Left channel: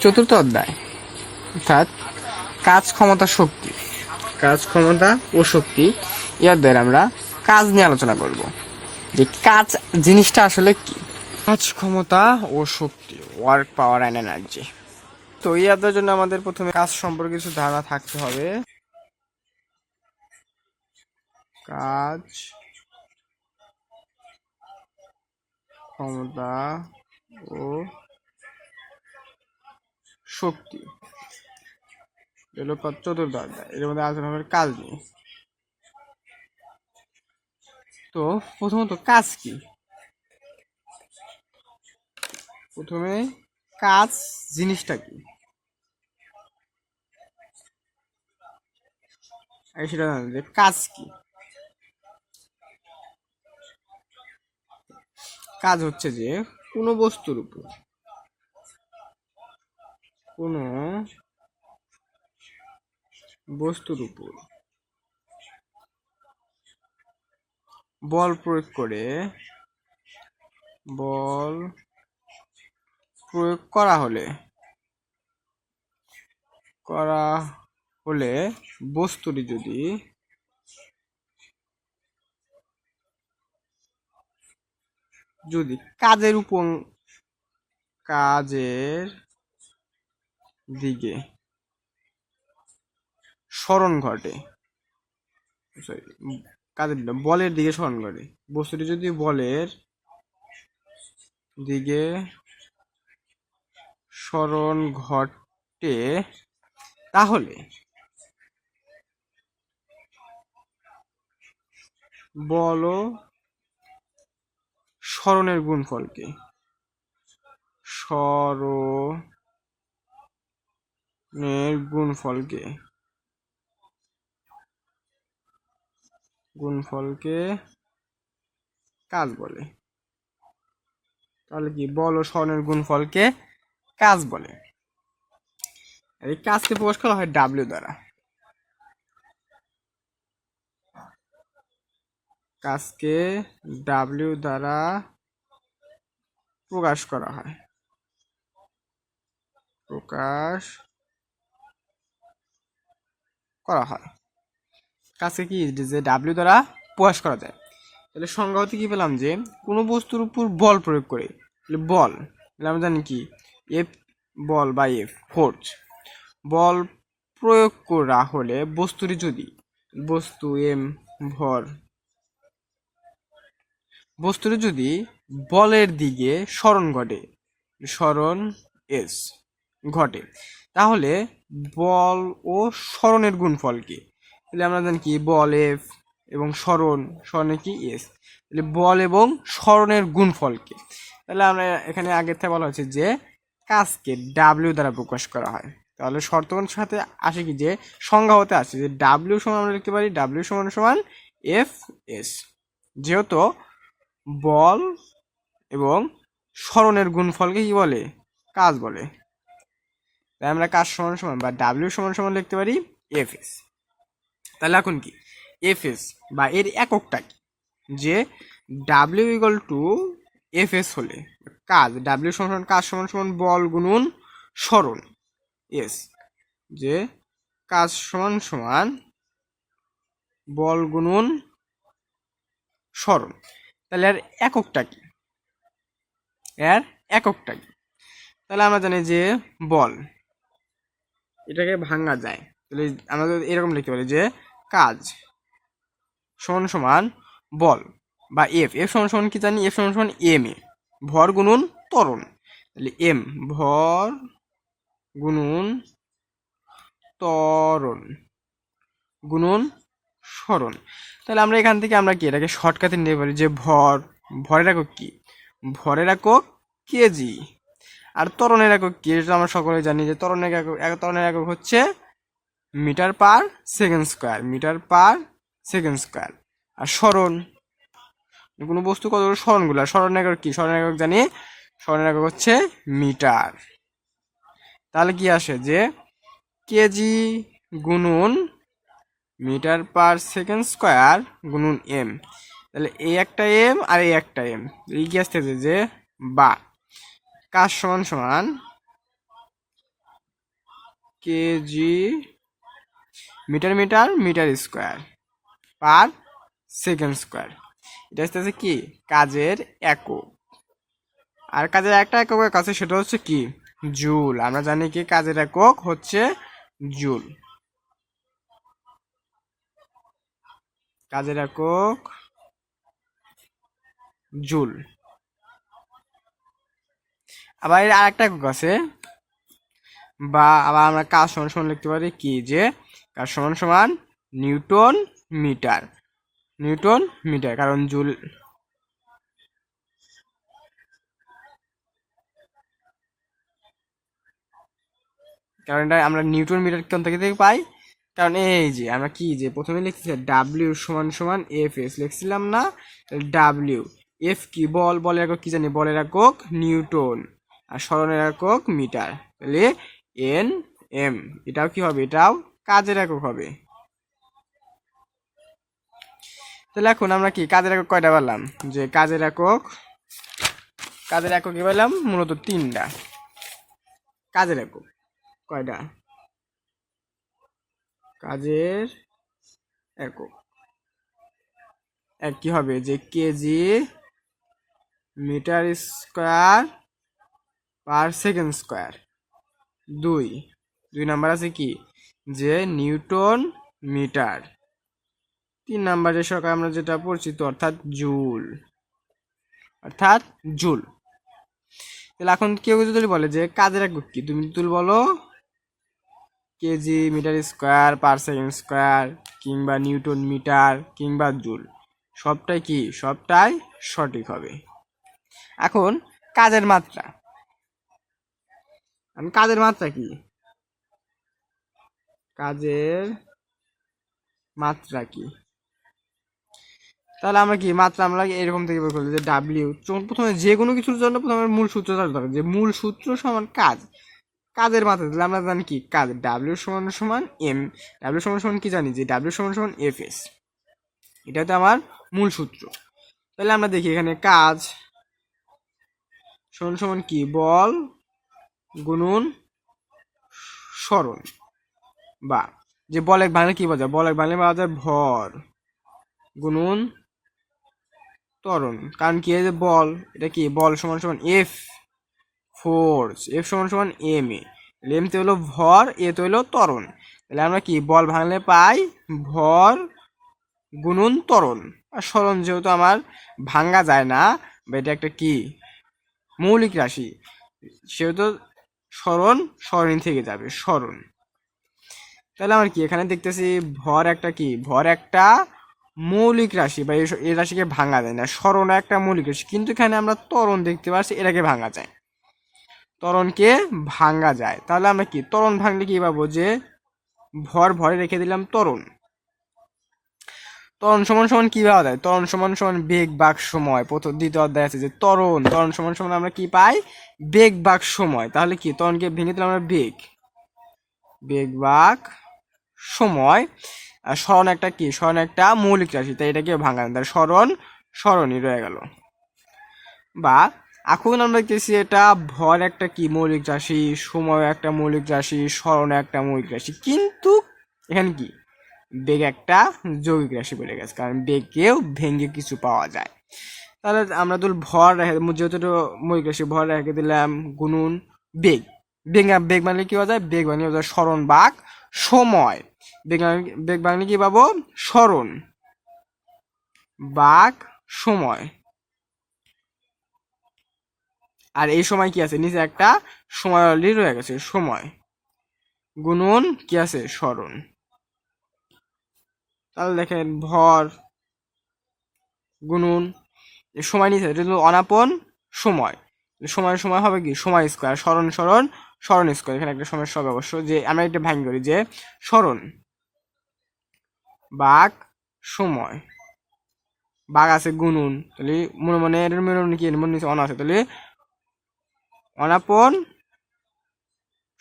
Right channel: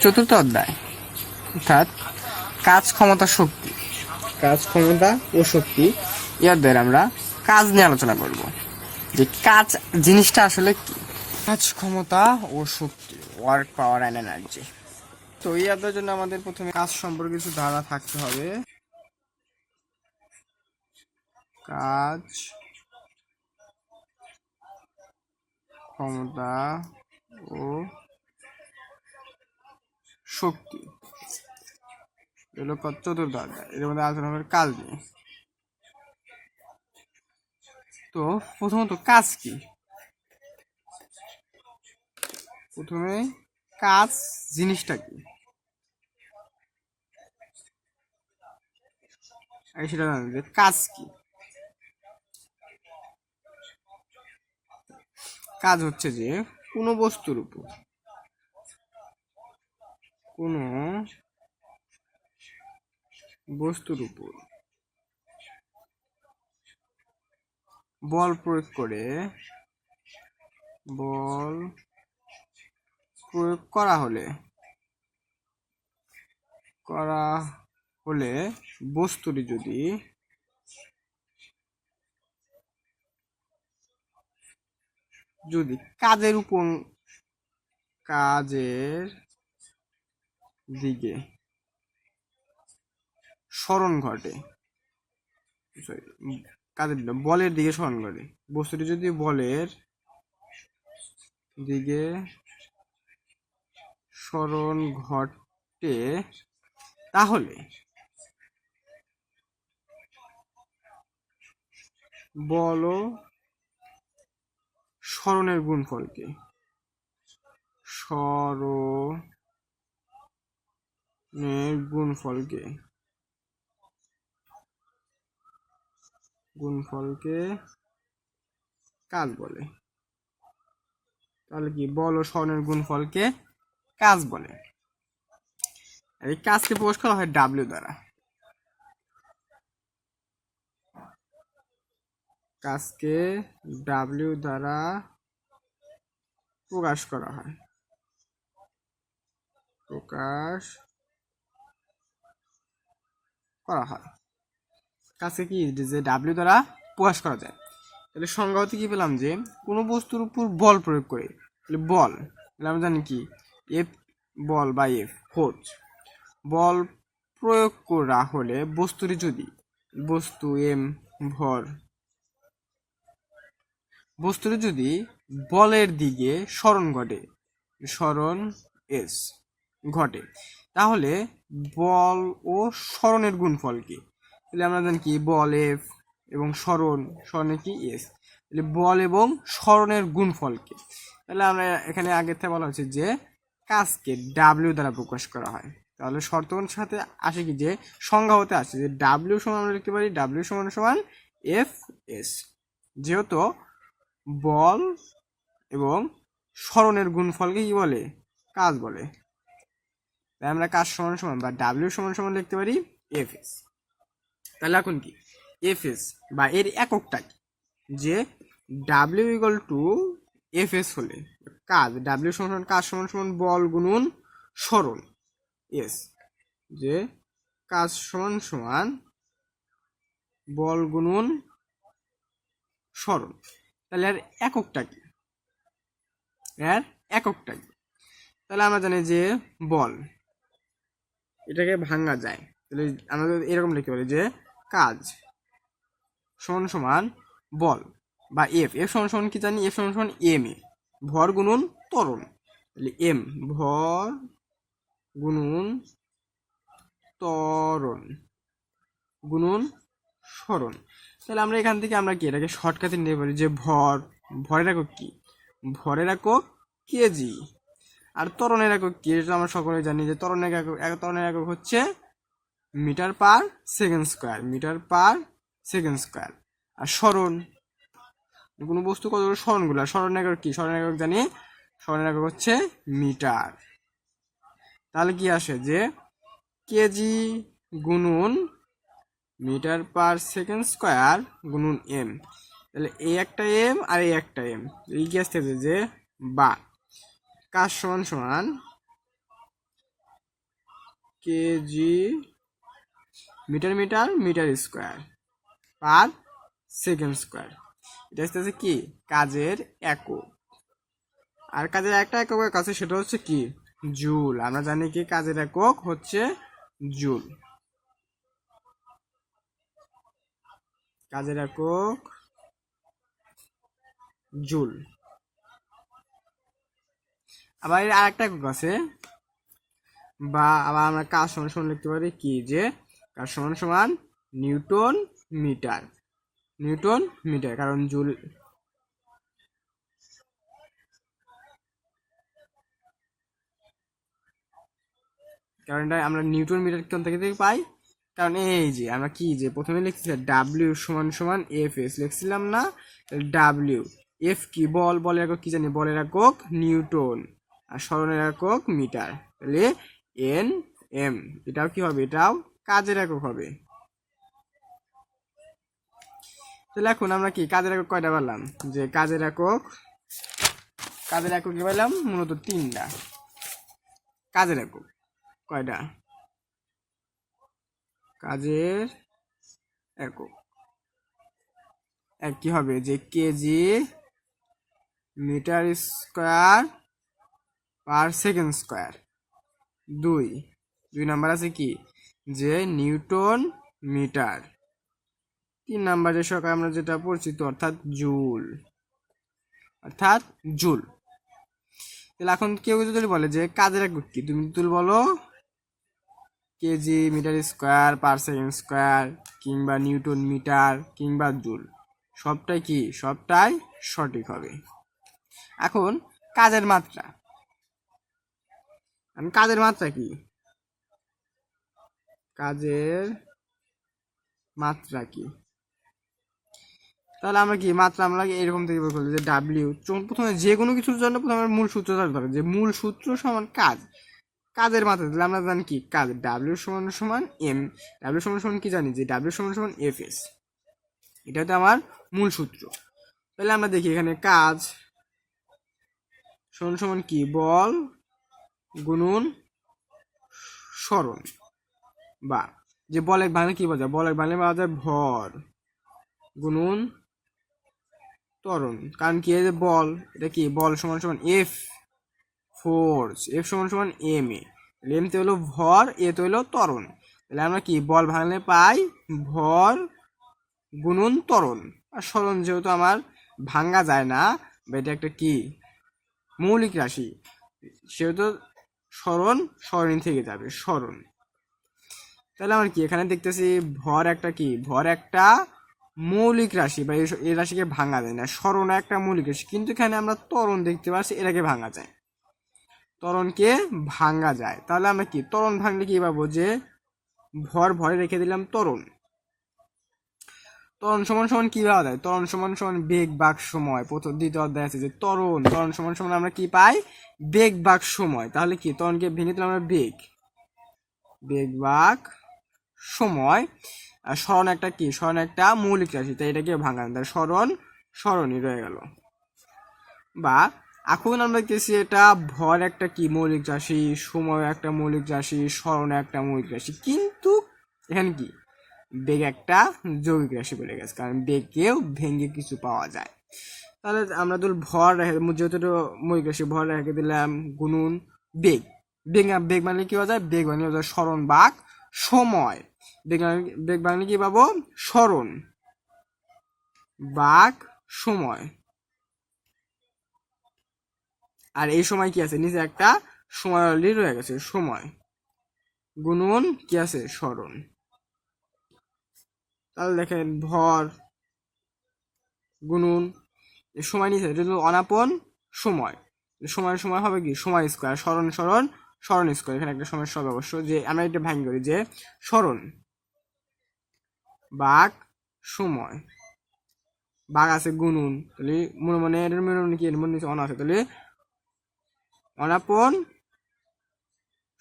চতুর্থ অধ্যায়। অর্থাৎ কাজ ক্ষমতা শক্তি। কাজ ক্ষমতা ও শক্তি। এই অধ্যায়ে আমরা কাজ নিয়ে আলোচনা করব। যে কাজ জিনিসটা আসলে কি? কাজ ক্ষমতা ও শক্তি ওয়ার্ক পাওয়ার অ্যান্ড এনার্জি তো এই অধ্যায়ের জন্য আমাদের প্রথমে কাজ সম্পর্কে কিছু ধারণা থাকতে হবে। কাজ ক্ষমতা ও শক্তি। এগুলো চতুর্থ অধ্যায়। এর মধ্যে আলোচনা হবে কাজ নিয়ে। তো, প্রথমত কাজ কি? প্রথমে কাজ জিনিসটা কি? আগে সেটা জানেন যে কাজ কি? কাজ হচ্ছে যে কোনো বস্তুর উপর কোনো বস্তুর উপর বল প্রয়োগ করে বল প্রয়োগ করা হলে করা হলে বস্তুটি যদি যদি কাজের উপর, কাজের দিকে। স্মরণ ঘটে। সরি কাজের না, বলের দিকে স্মরণ ঘটে। বস্তুটি যদি বলের দিকে স্মরণ ঘটে তাহলে বল স্মরণের গুণফলকে স্মরণের গুণফলকে। গুণফলকে কাজ বলে। তাহলে কি? বল ও স্মরণের গুণফলকে কাজ বলে। এই কাজকে প্রকাশ করা হয় ডাব্লিউ দ্বারা। কাজকে ডাব্লিউ দ্বারা প্রকাশ করা হয়। প্রকাশ করা হয়। কাজকে কি যে ডাব্লিউ দ্বারা প্রকাশ করা যায়? তাহলে সংজ্ঞা হতে কী পেলাম যে, কোনো বস্তুর উপর বল প্রয়োগ করে, তাহলে বল, তাহলে আমরা জানি কি? এফ বল বা এফ ফোর্স বল প্রয়োগ করা হলে বস্তুটি যদি, বস্তু এম ভর, বস্তুটি যদি বলের দিকে স্মরণ ঘটে, স্মরণ এস ঘটে, তাহলে বল ও স্মরণের গুণফল কি? তাহলে আমরা জানি কি? বল এফ এবং স্মরণ, স্মরণে কি? এস। তাহলে বল এবং স্মরণের গুণফল কি? তাহলে আমরা এখানে আগের থেকে বলা হচ্ছে যে কাজকে ডাব্লিউ দ্বারা প্রকাশ করা হয়। তাহলে শর্তগণের সাথে আসে কি? যে সংজ্ঞা হতে আসে যে ডাব্লিউ সমান আমরা লিখতে পারি ডাব্লিউ সমান সমান এফ এস। যেহেতু বল এবং স্মরণের গুণফলকে কি বলে? কাজ বলে। তাই আমরা কাজ সমান সমান বা ডাব্লিউ সমান সমান লিখতে পারি? এফ এস তাহলে এখন কি? এফ এস বা এর এককটা কি? যে W equal to F S হলে কাজ ডাব্লিউ সমান সমান কাজ সমান সমান? বল গুণন স্মরণ এস যে কাজ সমান সমান? বল গুণন স্মরণ তাহলে এর এককটা কি? এর এককটা কি? তাহলে আমরা জানি যে বল এটাকে ভাঙা যায়। তাহলে আমরা এরকম লিখতে পারি যে কাজ সমান সমান বল বা এফ। এফ সমান সমান কি জানি? এফ সমান সমান এম এ। ভর গুণন ত্বরণ। তাহলে এম, ভর গুণন ত্বরণ। গুণন স্মরণ তাহলে আমরা এখান থেকে আমরা কি এটাকে শর্টকাটে নিতে পারি যে ভর, ভরের একক কি? ভরের একক কেজি। আর ত্বরণের একক কি? এটা আমরা সকলে জানি যে ত্বরণের একক এক- ত্বরণের একক হচ্ছে metre per second square, metre per second square. আর স্মরণ, কোনো বস্তু কত স্মরণগুলো। স্মরণ একক কি? স্মরণ একক জানি? স্মরণ একক হচ্ছে মিটার। তাহলে কি আসে যে কেজি গুনুন মিটার পার সেকেন্ড স্কোয়ার গুনুন এম তাহলে এই একটা এম আর এই একটা এম এই কি আসতেছে যে বা। কাজ সমান সমান KG metre metre metre square per second square. এটা হচ্ছে কি? কাজের একক। আর কাজের একটা একক আছে, সেটা হচ্ছে কি? জুল। আমরা জানি কি কাজের একক হচ্ছে জুল। কাজের একক জুল। আবার এর আরেকটা একক আছে। বা আবার আমরা কাজ সমান সমান লিখতে পারি? কি? যে কাজ সমান সমান নিউটন মিটার। নিউটন মিটার, কারণ জুল কারণ এটা আমরা নিউটন মিটার কোন থেকে পাই? কারণ এই যে আমরা কি যে প্রথমে লিখতেছি ডাব্লিউ সমান সমান এফ এস লিখছিলাম না? ডাব্লিউ এফ কি? বল, বলের একক কি জানি? বলের একক নিউটন। আর স্মরণের একক মিটার, তাহলে এন, এম। এটাও কি হবে? এটাও কাজের একক হবে। তাহলে এখন আমরা কি কাজের একক কয়টা পেলাম যে কাজের একক কাজের একক কি পেলাম মূলত তিনটা। কাজের একক কয়টা? কাজের একক। এক কি হবে? যে KG metre square per second square. দুই। দুই নাম্বার আছে কি? যে নিউটন মিটার। তিন নাম্বারের সরকার আমরা যেটা পরিচিত অর্থাৎ জুল। অর্থাৎ জুল। তাহলে এখন কেউ যদি বলে যে কাজের একক কি? তুমি তুল বলো KG metre square, per second square, কিংবা নিউটন মিটার, কিংবা জুল। সবটাই কি? সবটাই সঠিক হবে। এখন কাজের মাত্রা? আমি কাজের মাত্রা কি? কাজের মাত্রা কি? তাহলে আমরা কি মাত্রা আমরা এরকম থেকে বের করলি যে ডাব্লিউ প্রথমে যে কোনো কিছুর জন্য প্রথমে মূল সূত্র জানতে হবে যে মূল সূত্র সমান কাজ। কাজের মাত্রা তাহলে আমরা জানি কি? কাজ ডাব্লিউ সমান সমান এম ডাব্লিউ সমান সমান কি জানি? যে ডাব্লিউ সমান সমান এফ এস এটা হচ্ছে আমার মূল সূত্র। তাহলে আমরা দেখি এখানে কাজ সমান সমান কি? বল গুণন স্মরণ। বা যে বলে বাংলা কি বোঝায় বলে বাংলা পাওয়া যায় ভর। গুণন ত্বরণ। কারণ কি যে বল, এটা কি? বল সমান সমান এফ ফোর্স। এফ সমান সমান এম এ। এম তে হলো ভর, এ তো হলো ত্বরণ। তাহলে আমরা কি? বল ভাঙলে পাই ভর গুণন ত্বরণ। আর স্মরণ যেহেতু আমার ভাঙ্গা যায় না, বা এটা একটা কি? মৌলিক রাশি। সেহেতু স্মরণ স্মরণ থেকে যাবে, স্মরণ। তাহলে আমার কি, এখানে দেখতেছি ভর একটা কি? ভর একটা মৌলিক রাশি, বা এই- রাশিকে ভাঙা যায় না। স্মরণ একটা মৌলিক রাশি, কিন্তু এখানে আমরা তরণ দেখতে পাচ্ছি এটাকে ভাঙা যায়। তরণকে ভাঙা যায়। তাহলে আমরা কি তরণ ভাঙলে কি পাবো? যে ভর, ভরে রেখে দিলাম ত্বরণ। ত্বরণ সমান সমান কি পাওয়া যায়? ত্বরণ সমান সমান বেগ বাক সময়। প্রথম, দ্বিতীয় অধ্যায় আছে যে ত্বরণ ত্বরণ সমান সমান আমরা কি পাই? বেগ বাক সময়। তাহলে কি? ত্বরণকে ভেঙে দিলাম আমরা বেগ। বেগ বাক সময়। আর স্মরণ একটা কি? স্মরণ একটা মৌলিক রাশি, তাই এটাকে ভাঙা তাহলে স্মরণ স্মরণই রয়ে গেল। বা এখন আমরা দেখতেছি এটা ভর একটা কি? মৌলিক রাশি, সময় একটা মৌলিক রাশি স্মরণ একটা মৌলিক রাশি। কিন্তু এখানে কি? বেগ একটা যৌগিক রাশি বলে গেছে, কারণ বেগকেও ভেঙে কিছু পাওয়া যায়। তাহলে আমরা তো ভর রেখে যেহেতু মৌলিক রাশি, ভর রেখে দিলাম গুনুন বেগ। বেগ বেগ মানে কী পাওয়া যায়? বেগ পাওয়া যায়? স্মরণ বাক সময়। বেগ বেগ মানে কি পাবো? স্মরণ বাক সময়। আর এই সময় কি আছে? নিচে একটা সময় অলরেডি রয়ে গেছে, সময়। গুণন কি আছে? স্মরণ। তাহলে দেখেন ভর এই সময় নিচে হলো অনাপন সময়। সময় সময় হবে কি? সময় স্কোয়ার, স্মরণ স্মরণ স্মরণ স্কোয়ার। এখানে একটা সমস্যা হবে অবশ্য যে আমরা একটা ভাঙি করি যে স্মরণ বাঘ সময়। বাঘ আছে গুনুন তাহলে মনে মনে এর মনে কি? মনে নিচে অন আছে। তাহলে অনাপন,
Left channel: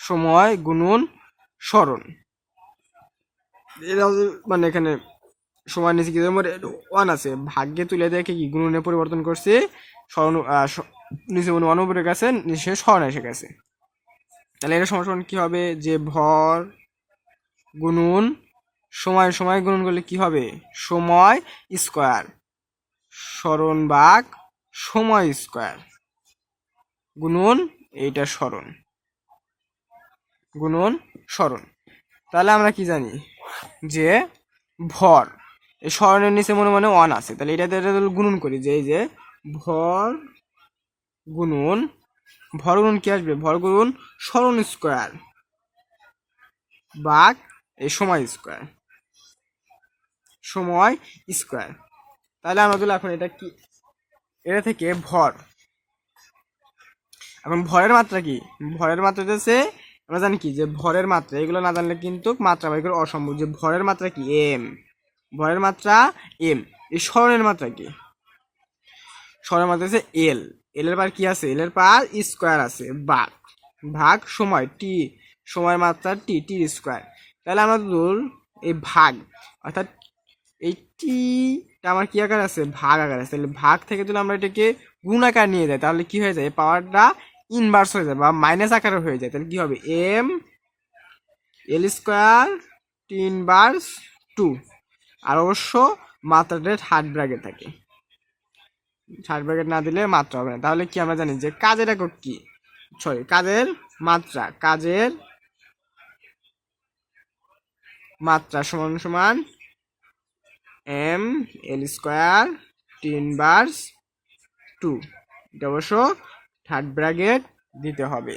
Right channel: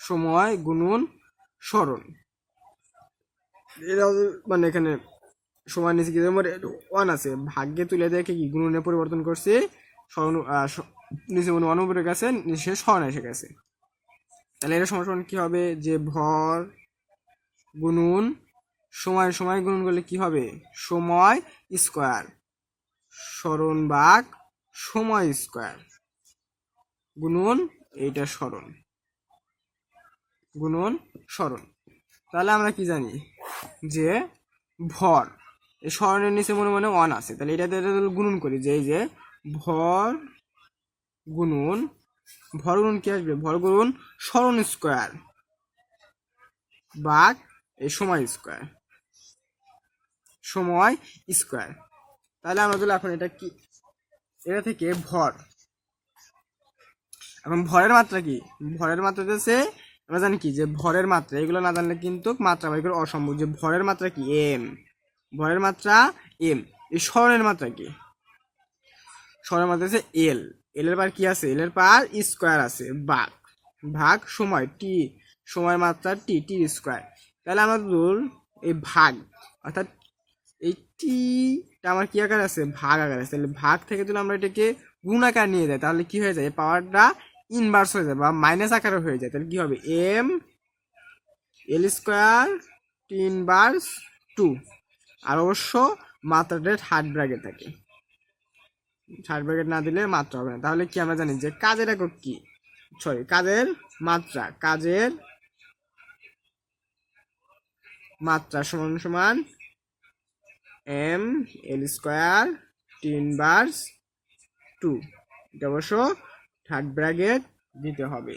সময় গুনুন স্মরণ। মানে এখানে সময় নিচে কি ওয়ান আছে। ভাগ্যে তুলে দেখে কি গুণনে পরিবর্তন করছে। স্মরণ নিচে মনে অনুপরে গেছে, নিচে স্মরণ এসে গেছে। তাহলে এটা সমান কি হবে? যে ভর গুণুন, সময় সময় গুণন করলে কি হবে? সময় স্কোয়ার। স্মরণ বাঘ সময় স্কোয়ার। গুণন এইটা স্মরণ গুণন স্মরণ তাহলে আমরা কি জানি? যে ভর। এই নিচে মনে মনে ওয়ান আছে। তাহলে এটাতে এটা গুণন করি যে এই যে ভর গুণন ভর গুণন কি আসবে? ভর গুণন স্মরণ স্কোয়ার বাঘ এই সময় স্কোয়ার সময় স্কোয়ার তাহলে আমরা তাহলে এখন এটা কি? এটা থেকে ভর। এখন ভরের মাত্রা কি? ভরের মাত্রা হচ্ছে আমরা জানি কি? যে ভরের মাত্রা, এগুলো না জানলে কিন্তু মাত্রা বাই করে অসম্ভব। যে ভরের মাত্রা কি? এম ভরের মাত্রা এম এই স্মরণের মাত্রা কি? স্মরণের মাত্রা আছে এল এল এর পার কি আছে? এল এর পার স্কোয়ার আছে, ভাগ। ভাগ সময় টি সময় মাত্রা টি টি স্কোয়ার তাহলে আমরা ধর এই ভাগ, অর্থাৎ এই টিটা আমার কি আকার আছে? ভাগ আকার আছে। তাহলে ভাগ থেকে যদি আমরা এটাকে গুণ আকার নিয়ে যাই, তাহলে কি হয়ে যায়? পাওয়ারটা ইনভার্স হয়ে যায় বা মাইনাস আকারে হয়ে যায়, তাহলে কি হবে? M L square T inverse two আর অবশ্য মাত্রাটা থার্ড ব্র্যাকেট থাকে। থার্ড ব্র্যাকেট না দিলে মাত্রা হবে না। তাহলে কি আমরা জানি যে কাজের একক কি? সরি কাজের মাত্রা কাজের মাত্রা সমান সমান M L square T inverse two এটা অবশ্য থার্ড ব্র্যাকেট দিতে হবে।